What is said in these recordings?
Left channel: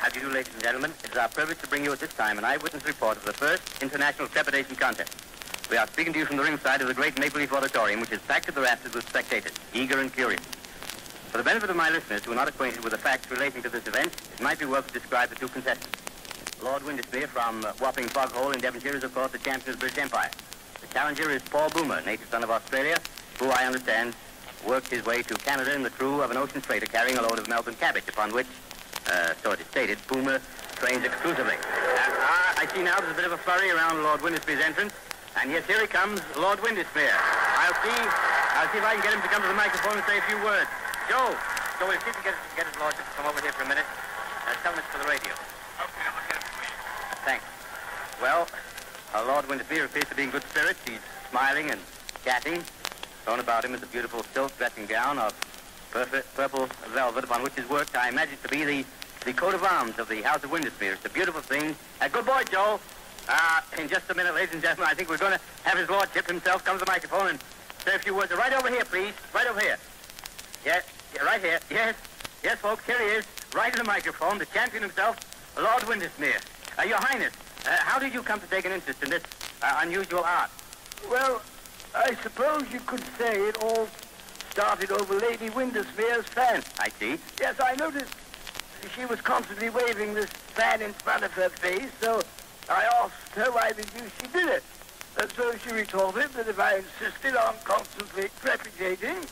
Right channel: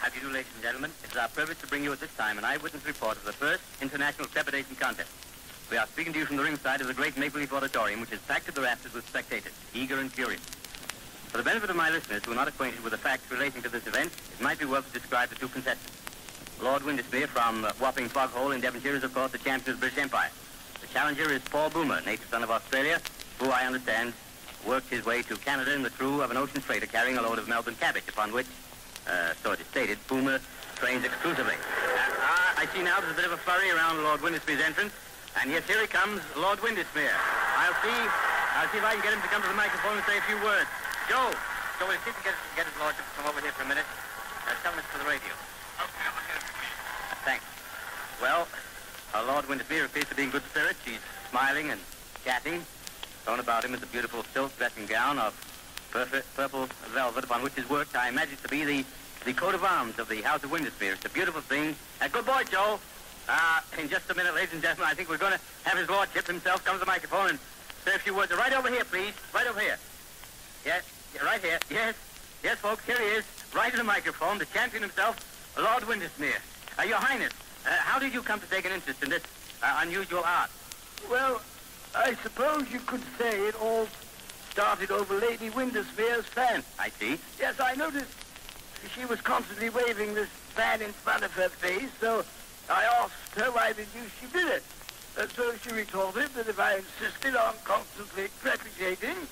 How do you do, ladies and gentlemen? It is our privilege to bring you at this time an eyewitness report of the first International Trepidation Contest. We are speaking to you from the ringside of the great Maple Leaf Auditorium, which is packed to the rafters with spectators, eager and curious. For the benefit of my listeners who are not acquainted with the facts relating to this event, it might be well to describe the two contestants. Lord Windesmere from Wapping Foghole in Devonshire is, of course, the champion of the British Empire. The challenger is Paul Boomer, native son of Australia, who, I understand, worked his way to Canada in the crew of an ocean freighter carrying a load of Melbourne cabbage, upon which, so it is stated, Boomer trains exclusively. I see now there's a bit of a flurry around Lord Windesmere's entrance, and yes, here he comes, Lord Windesmere. I'll see if I can get him to come to the microphone and say a few words. Joe, we'll see if we can get his lordship to come over here for a minute. Tell him it's for the radio. Okay, I'm going to get it, please. Thanks. Well, Lord Windesmere appears to be in good spirits. He's smiling and chatting. Thrown about him is a beautiful silk dressing gown of purple velvet, upon which is worked, I imagine, to be the coat of arms of the House of Windesmere. It's a beautiful thing. Good boy, Joe. In just a minute, ladies and gentlemen, I think we're going to have his lordship himself come to the microphone and say a few words. Right over here, please. Right over here. Yeah, right here. Yes, folks, here he is. Right in the microphone, the champion himself, Lord Windesmere. Your Highness, how did you come to take an interest in this unusual art? Well, I suppose you could say it all started over Lady Windesmere's fan. I see. Yes, I noticed she was constantly waving this fan in front of her face, so I asked her why the deuce she did it. So she retorted that if I insisted on constantly trepiding,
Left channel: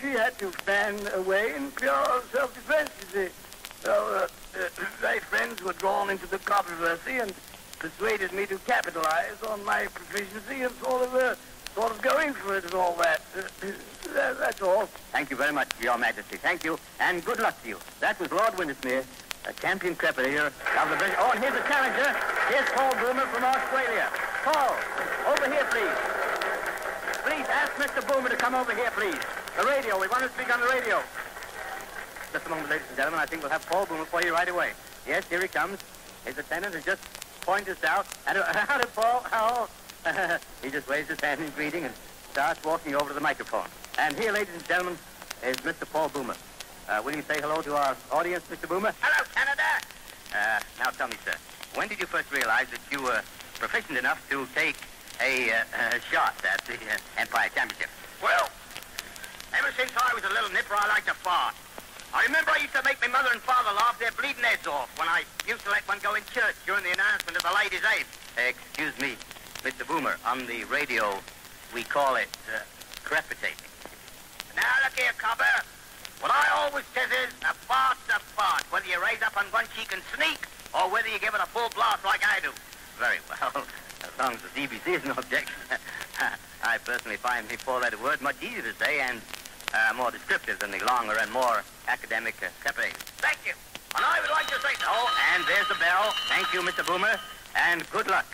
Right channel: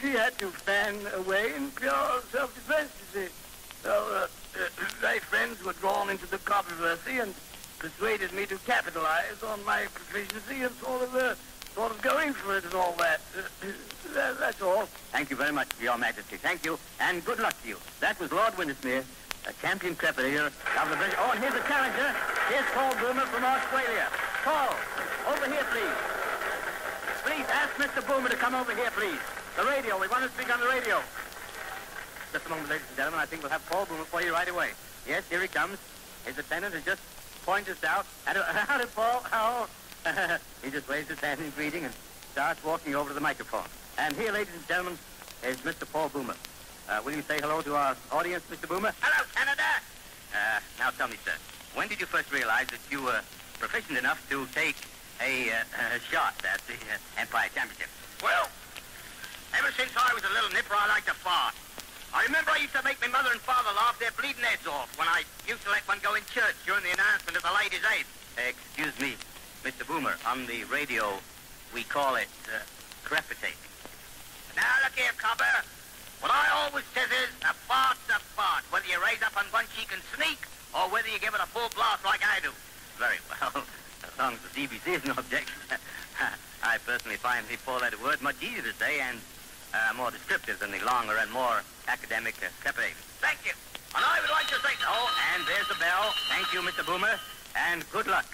she had to fan away in pure self-defense, you see. So my friends were drawn into the controversy and persuaded me to capitalize on my proficiency and sort of going for it and all that. That's all. Thank you very much, Your Majesty. Thank you, and good luck to you. That was Lord Windesmere, a champion trepidator of the British... Oh, and here's the challenger. Here's Paul Boomer from Australia. Paul, over here, please. Please, ask Mr. Boomer to come over here, please. The radio. We want to speak on the radio. Just a moment, ladies and gentlemen. I think we'll have Paul Boomer for you right away. Yes, here he comes. His attendant has just pointed us out. How did Paul? How? He just waves his hand in greeting and starts walking over to the microphone. And here, ladies and gentlemen, is Mr. Paul Boomer. Will you say hello to our audience, Mr. Boomer? Hello, Canada. Now tell me, sir, when did you first realize that you were proficient enough to take a shot at the Empire Championship? Well, ever since I was a little nipper, I liked to fart. I remember I used to make my mother and father laugh their bleeding heads off when I used to let one go in church during the announcement of the ladies' aid. Excuse me, Mr. Boomer, on the radio, we call it crepitating. Now, look here, Cobber. What I always says is, a fart's a fart, whether you raise up on one cheek and sneak, or whether you give it a full blast like I do. Very well, as long as the CBC is no objection. I personally find the four-letter word much easier to say and more descriptive than the longer and more academic separation. Thank you. And I would like to say so. And there's the bell. Thank you, Mr. Boomer, and good luck.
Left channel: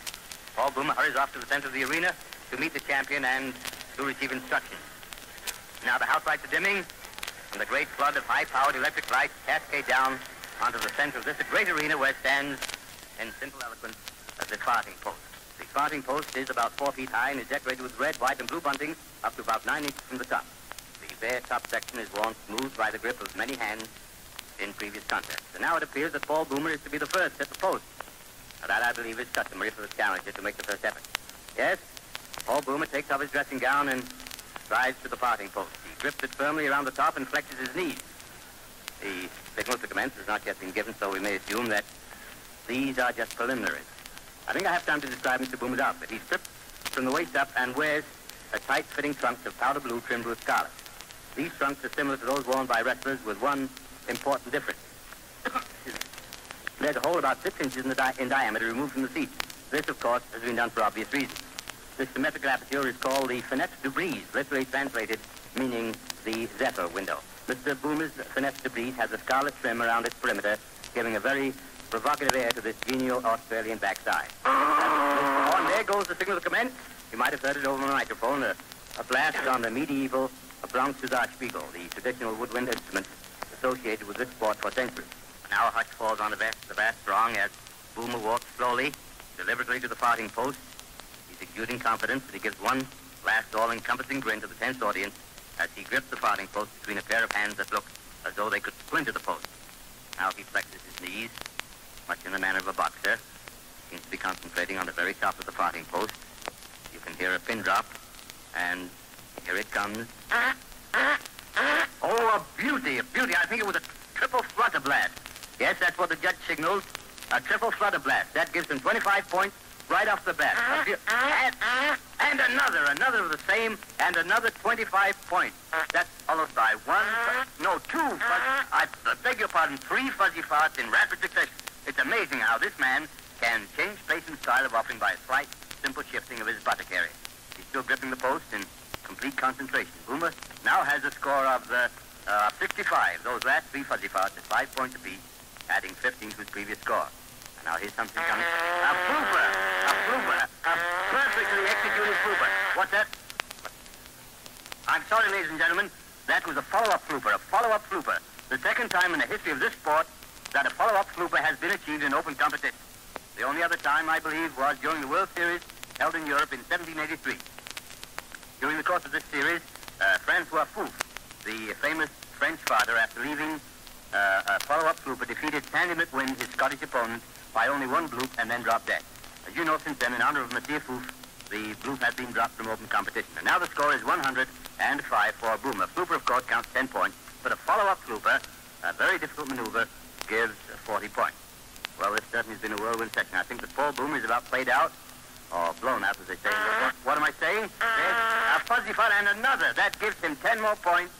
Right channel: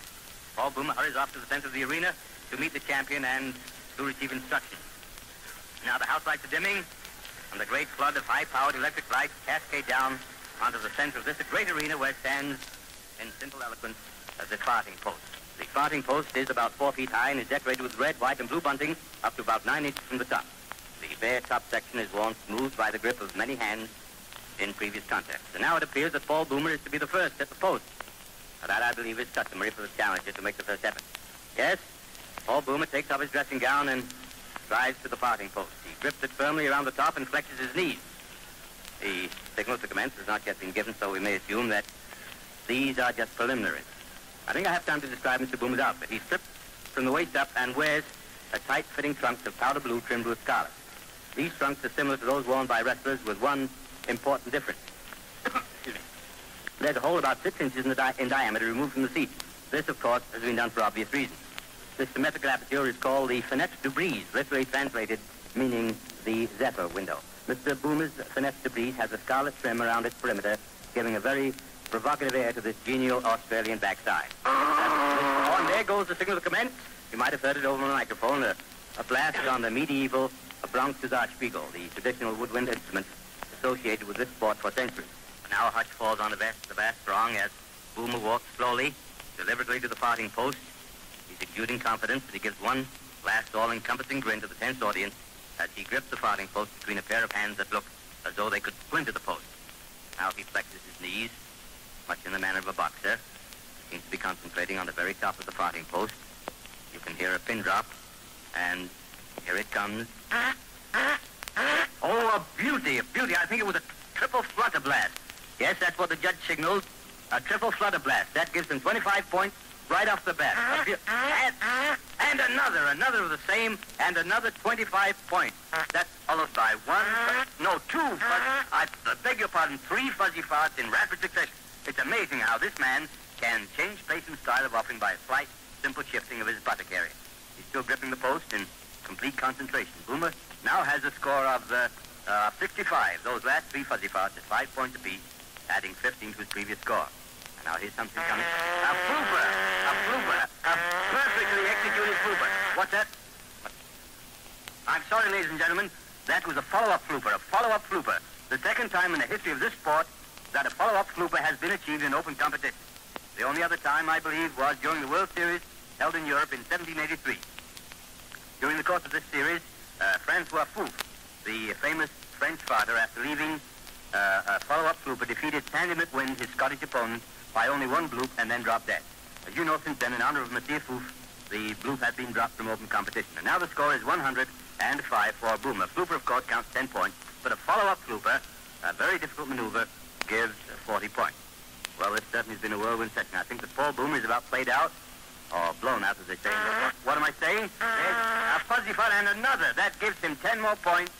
Paul Boomer hurries off to the center of the arena to meet the champion and to receive instructions. Now the house lights are dimming, and the great flood of high-powered electric lights cascade down onto the center of this great arena where stands, in simple eloquence, the farting post. The farting post is about 4 feet high and is decorated with red, white, and blue bunting up to about 9 inches from the top. The bare top section is worn smooth by the grip of many hands in previous contests. And now it appears that Paul Boomer is to be the first at the post. But that, I believe, is customary for the challenger to make the first effort. Yes, Paul Boomer takes off his dressing gown and strides to the farting post. He grips it firmly around the top and flexes his knees. The signal to commence has not yet been given, so we may assume that these are just preliminaries. I think I have time to describe Mr. Boomer's outfit. He's stripped from the waist up and wears a tight-fitting trunks of powder blue trimmed with scarlet. These trunks are similar to those worn by wrestlers with one important difference. Excuse me. There's a hole about 6 inches in diameter removed from the seat. This, of course, has been done for obvious reasons. This symmetrical aperture is called the fenêtre de brise, literally translated meaning the zephyr window. Mr. Boomer's fenêtre de brise has a scarlet trim around its perimeter, giving a very provocative air to this genial Australian backside. Oh, and there goes the signal to commence. You might have heard it over the microphone, a blast on the medieval Bronx Spiegel, the traditional woodwind instrument associated with this sport for centuries. Now a hush falls on the vast throng as Boomer walks slowly, deliberately to the farting post. He's exuding confidence, and he gives one last all-encompassing grin to the tense audience as he grips the farting post between a pair of hands that look as though they could splinter the post. Now he flexes his knees, much in the manner of a boxer. Seems to be concentrating on the very top of the farting post. You can hear a pin drop, and here it comes. Oh, a beauty, a beauty. I think it was a triple flutter blast. Yes, that's what the judge signaled. A triple flutter blast. That gives them 25 points right off the bat. And another of the same, and another 25 points. That's followed by two, I beg your pardon, 3 fuzzy farts in rapid succession. It's amazing how this man can change pace and style of offering by a slight, simple shifting of his buttock area. He's still gripping the post in complete concentration. Boomer now has a score of 65. Those last 3 fuzzy farts at 5 points apiece, adding 15 to his previous score. And now here's something coming. A flooper, a perfectly executed flooper. What's that? I'm sorry, ladies and gentlemen. That was a follow-up flooper. The second time in the history of this sport that a follow-up flooper has been achieved in open competition. The only other time, I believe, was during the World Series held in Europe in 1783. During the course of this series, Francois Fouf, the famous French father, after leaving a follow-up flooper, defeated Sandy McWin, his Scottish opponent, by only 1 bloop and then dropped dead. As you know, since then, in honor of Monsieur Fouf, the bloop has been dropped from open competition. And now the score is 105 for Boomer. Flooper, of course, counts 10 points, but a follow-up flooper, a very difficult maneuver, gives 40 points. Well, this certainly has been a whirlwind section. I think that Paul Boomer is about played out, or blown out, as they say. What am I saying? There's a fuzzy fart and another. That gives him 10 more points,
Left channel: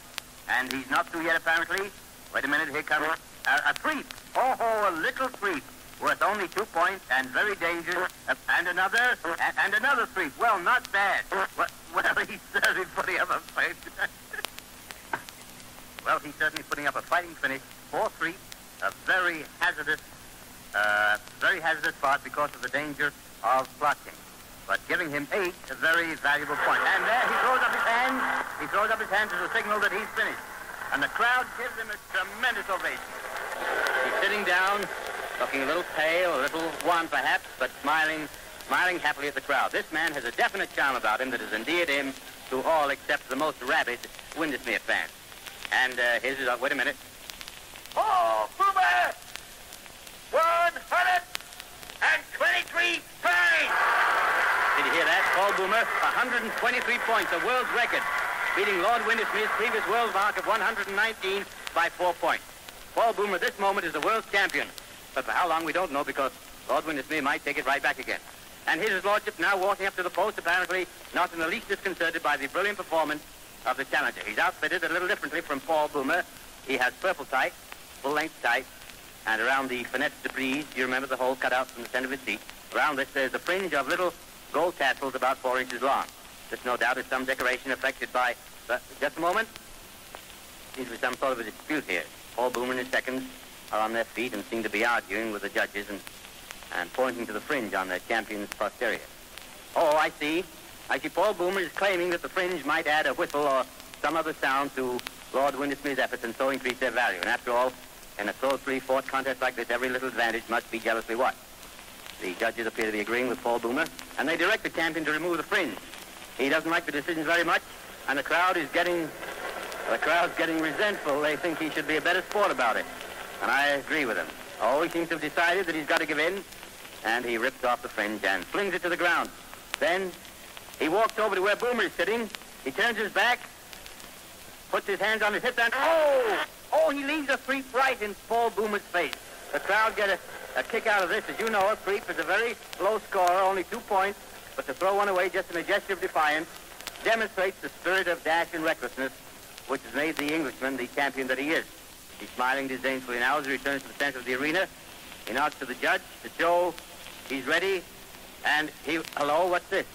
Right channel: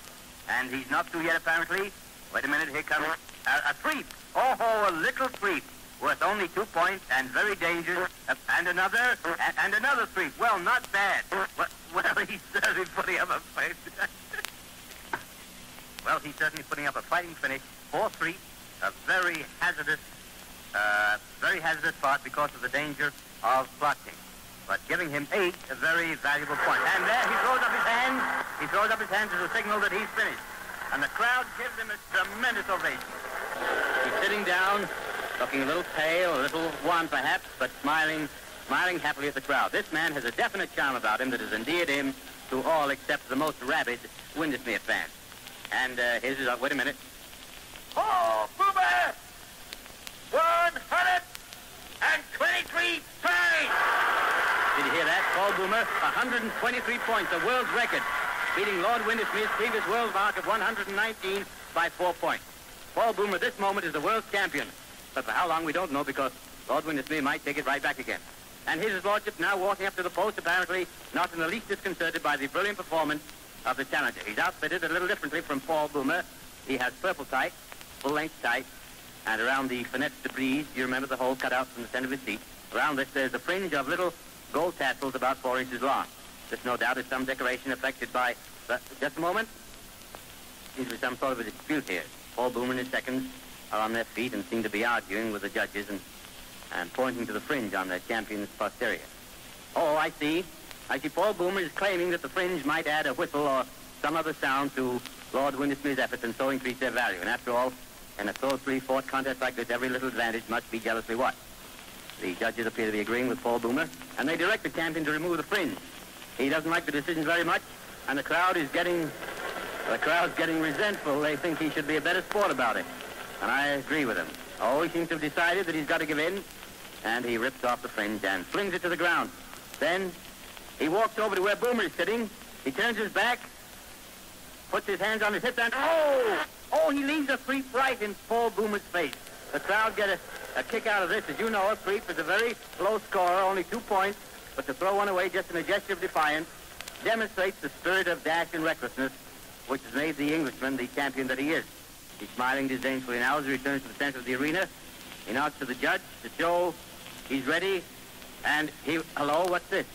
and he's not through yet, apparently. Wait a minute, here comes a creep. Oh, a little creep, worth only 2 points, and very dangerous. And another creep. Well, not bad. Well, he's certainly putting up a fight. Well, he's certainly putting up a fighting finish. 4-3, a very hazardous part because of the danger of blocking. But giving him 8, a very valuable point. And there he throws up his hands. He throws up his hands as a signal that he's finished. And the crowd gives him a tremendous ovation. He's sitting down, looking a little pale, a little wan perhaps, but smiling happily at the crowd. This man has a definite charm about him that has endeared him to all except the most rabid Windesmere fans. And here's his, wait a minute. Oh, Boomer! 123 points! Did you hear that? Paul Boomer, 123 points, a world record, beating Lord Windesmere's previous world mark of 119 by 4 points. Paul Boomer, this moment, is the world champion. But for how long, we don't know, because Lord Windesmere might take it right back again. And here's his lordship now walking up to the post, apparently not in the least disconcerted by the brilliant performance of the challenger. He's outfitted a little differently from Paul Boomer. He has purple tights, full-length tights, and around the finesse de prise, you remember the hole cut out from the center of his seat. Around this, there's a fringe of little gold tassels about 4 inches long. This, no doubt, is some decoration affected by... just a moment. Seems to be some sort of a dispute here. Paul Boomer and his seconds are on their feet and seem to be arguing with the judges and pointing to the fringe on their champion's posterior. Oh, I see. Paul Boomer is claiming that the fringe might add a whistle or some other sound to Lord Windesmere's efforts and so increase their value. And after all, in a closely fought contest like this, every little advantage must be jealously watched. The judges appear to be agreeing with Paul Boomer, and they direct the champion to remove the fringe. He doesn't like the decisions very much, and the crowd's getting resentful. They think he should be a better sport about it. And I agree with him. Oh, he seems to have decided that he's got to give in, and he rips off the fringe and flings it to the ground. Then he walks over to where Boomer is sitting. He turns his back, puts his hands on his hips, and he leaves a freak right in Paul Boomer's face. The crowd get a kick out of this. As you know, a freak is a very low scorer, only 2 points, but to throw one away just in a gesture of defiance demonstrates the spirit of dash and recklessness which has made the Englishman the champion that he is. He's smiling disdainfully now as he returns to the center of the arena. He nods to the judge to show he's ready, and hello, what's this?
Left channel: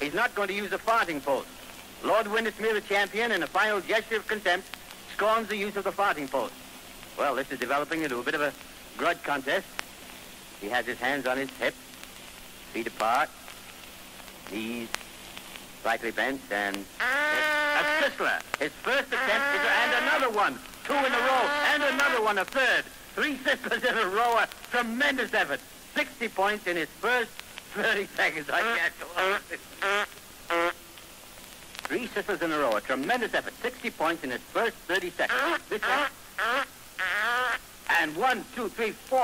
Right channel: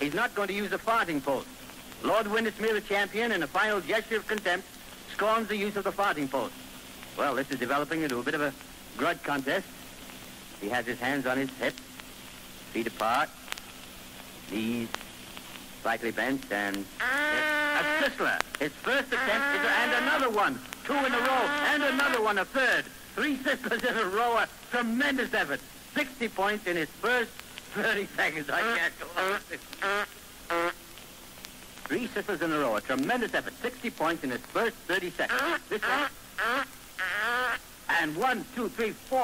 He's not going to use the farting post. Lord Windesmere, the champion, in a final gesture of contempt, scorns the use of the farting post. Well, this is developing into a bit of a grudge contest. He has his hands on his hips, feet apart, knees slightly bent, and a sizzler. His first attempt is, and another one. 2 in a row, and another one, a third. 3 sizzlers in a row, a tremendous effort. 60 points in his first 30 seconds. I can't do it. 3 sizzlers in a row, a tremendous effort. 60 points in his first 30 seconds. And 1, 2, 3, 4.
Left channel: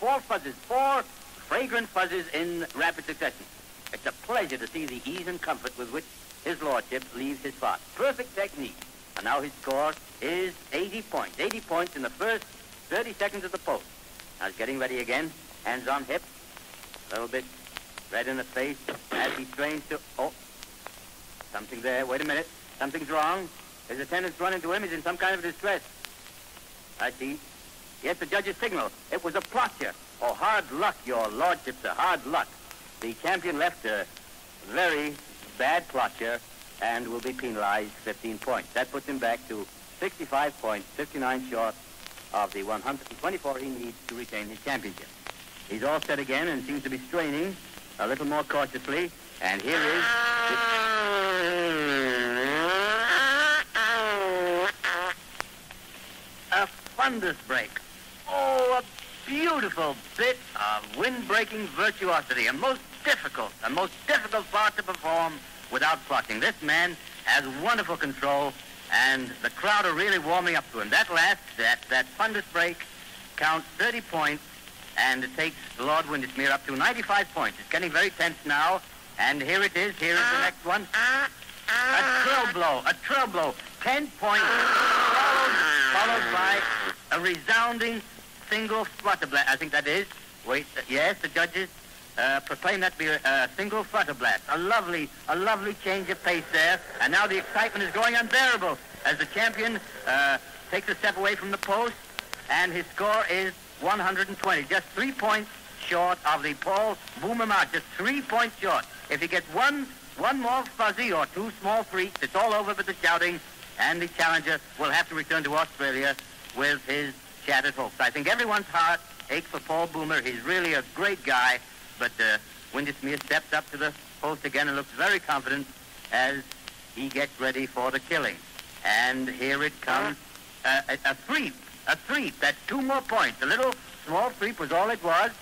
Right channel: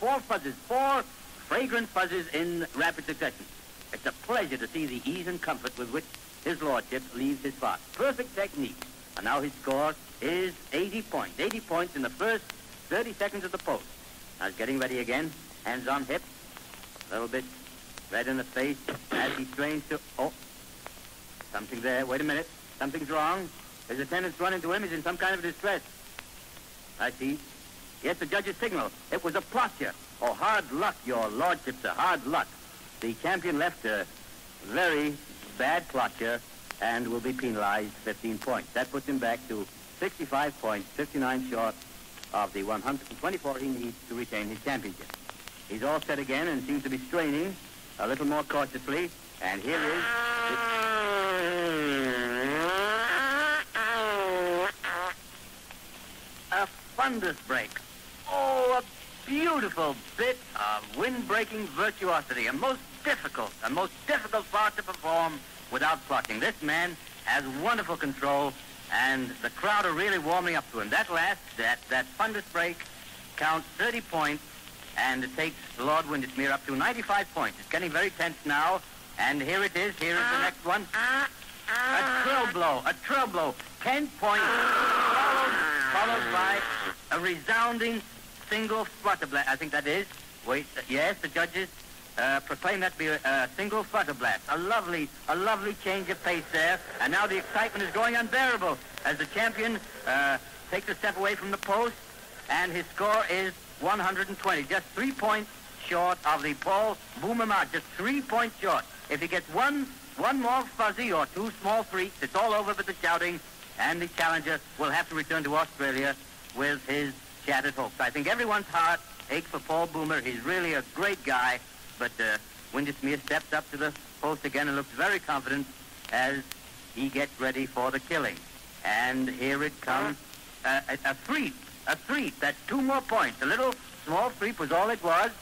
4 fuzzes. 4 fragrant fuzzes in rapid succession. It's a pleasure to see the ease and comfort with which his lordship leaves his fart. Perfect technique. And now his score is 80 points. 80 points in the first 30 seconds of the post. Now he's getting ready again. Hands on hip. A little bit red in the face as he strains to... Oh, something there. Wait a minute. Something's wrong. His attendants run into him. He's in some kind of distress. I see. Yes, the judge's signal. It was a plotcher. Oh, hard luck, your lordship, sir. Hard luck. The champion left a very bad plotcher and will be penalized 15 points. That puts him back to 65 points, 59 short of the 124 he needs to retain his championship. He's all set again and seems to be straining a little more cautiously. And here is... a fundus break. Oh, a beautiful bit of wind-breaking virtuosity. A most difficult part to perform without plotting. This man has wonderful control, and the crowd are really warming up to him. That fundus break counts 30 points, and it takes Lord Windismere up to 95 points. It's getting very tense now, and here it is. Here is the next one. A trill blow. 10 points, followed by a resounding single flutterblast. I think that is. Wait, yes, the judges proclaim that to be a single flutterblast. A lovely change of pace there. And now the excitement is growing unbearable as the champion takes a step away from the post, and his score is 120. Just 3 points short of the Paul Boomer mark. Just 3 points short. If he gets one more fuzzy or 2 small freaks, it's all over with the shouting, and the challenger will have to return to Australia with his shattered hopes. I think everyone's heart aches for Paul Boomer. He's really a great guy, but Windismere steps up to the post again and looks very confident as he gets ready for the killing. And here it comes, a sweep. That's 2 more points. A little small sweep was all it was,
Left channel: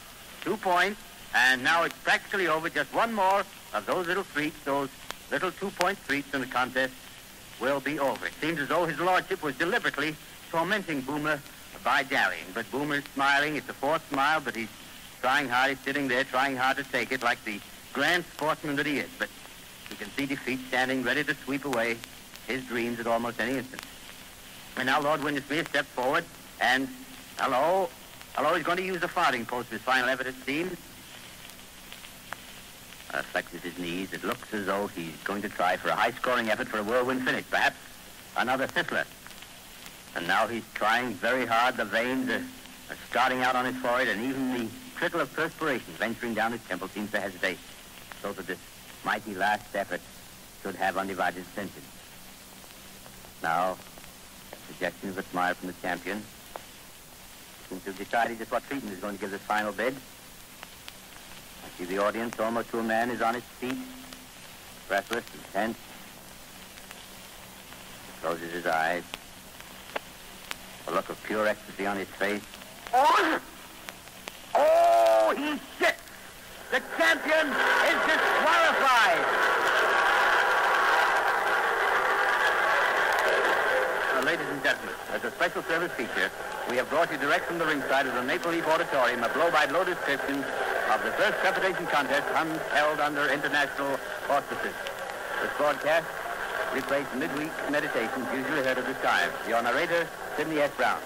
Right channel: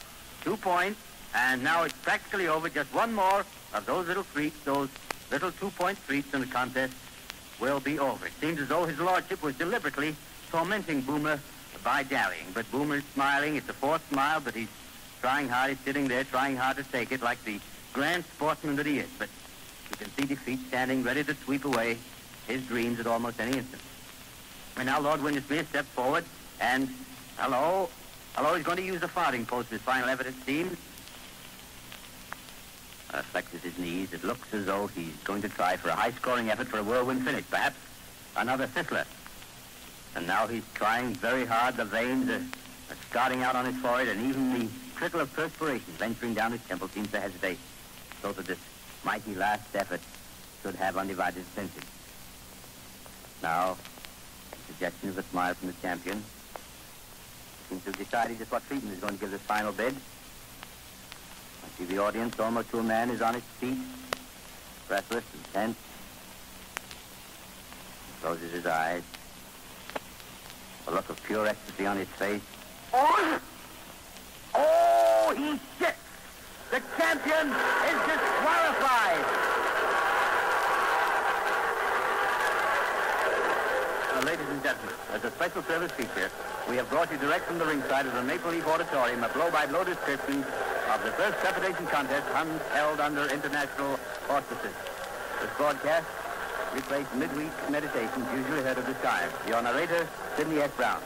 2 points, and now it's practically over. Just 1 more of those little sweeps, those little 2-point sweeps, and the contest will be over. It seems as though his lordship was deliberately tormenting Boomer by dallying, but Boomer's smiling. It's a forced smile, but he's trying hard. He's sitting there trying hard to take it like the grand sportsman that he is, but you can see defeat standing ready to sweep away his dreams at almost any instant. And now Lord Windismere steps forward, and hello, he's going to use the farthing post as final effort, it seems. Flexes his knees. It looks as though he's going to try for a high-scoring effort for a whirlwind finish, perhaps another fizzler. And now he's trying very hard. The veins are starting out on his forehead, and even the trickle of perspiration venturing down his temple seems to hesitate, so that this mighty last effort should have undivided attention. Now, suggestion of a smile from the champion. Seems to have decided just what treatment is going to give this final bid. I see the audience, almost to a man, is on its feet, breathless and tense. He closes his eyes. A look of pure ecstasy on his face. Oh, he's sick! The champion is disqualified! Now, ladies and gentlemen, as a special service feature, we have brought you direct from the ringside of the Maple Leaf Auditorium a blow-by-blow description of the first trepidation contest held under international auspices. This broadcast replaced midweek meditations usually heard at this time. Your narrator, Sidney S. Brown.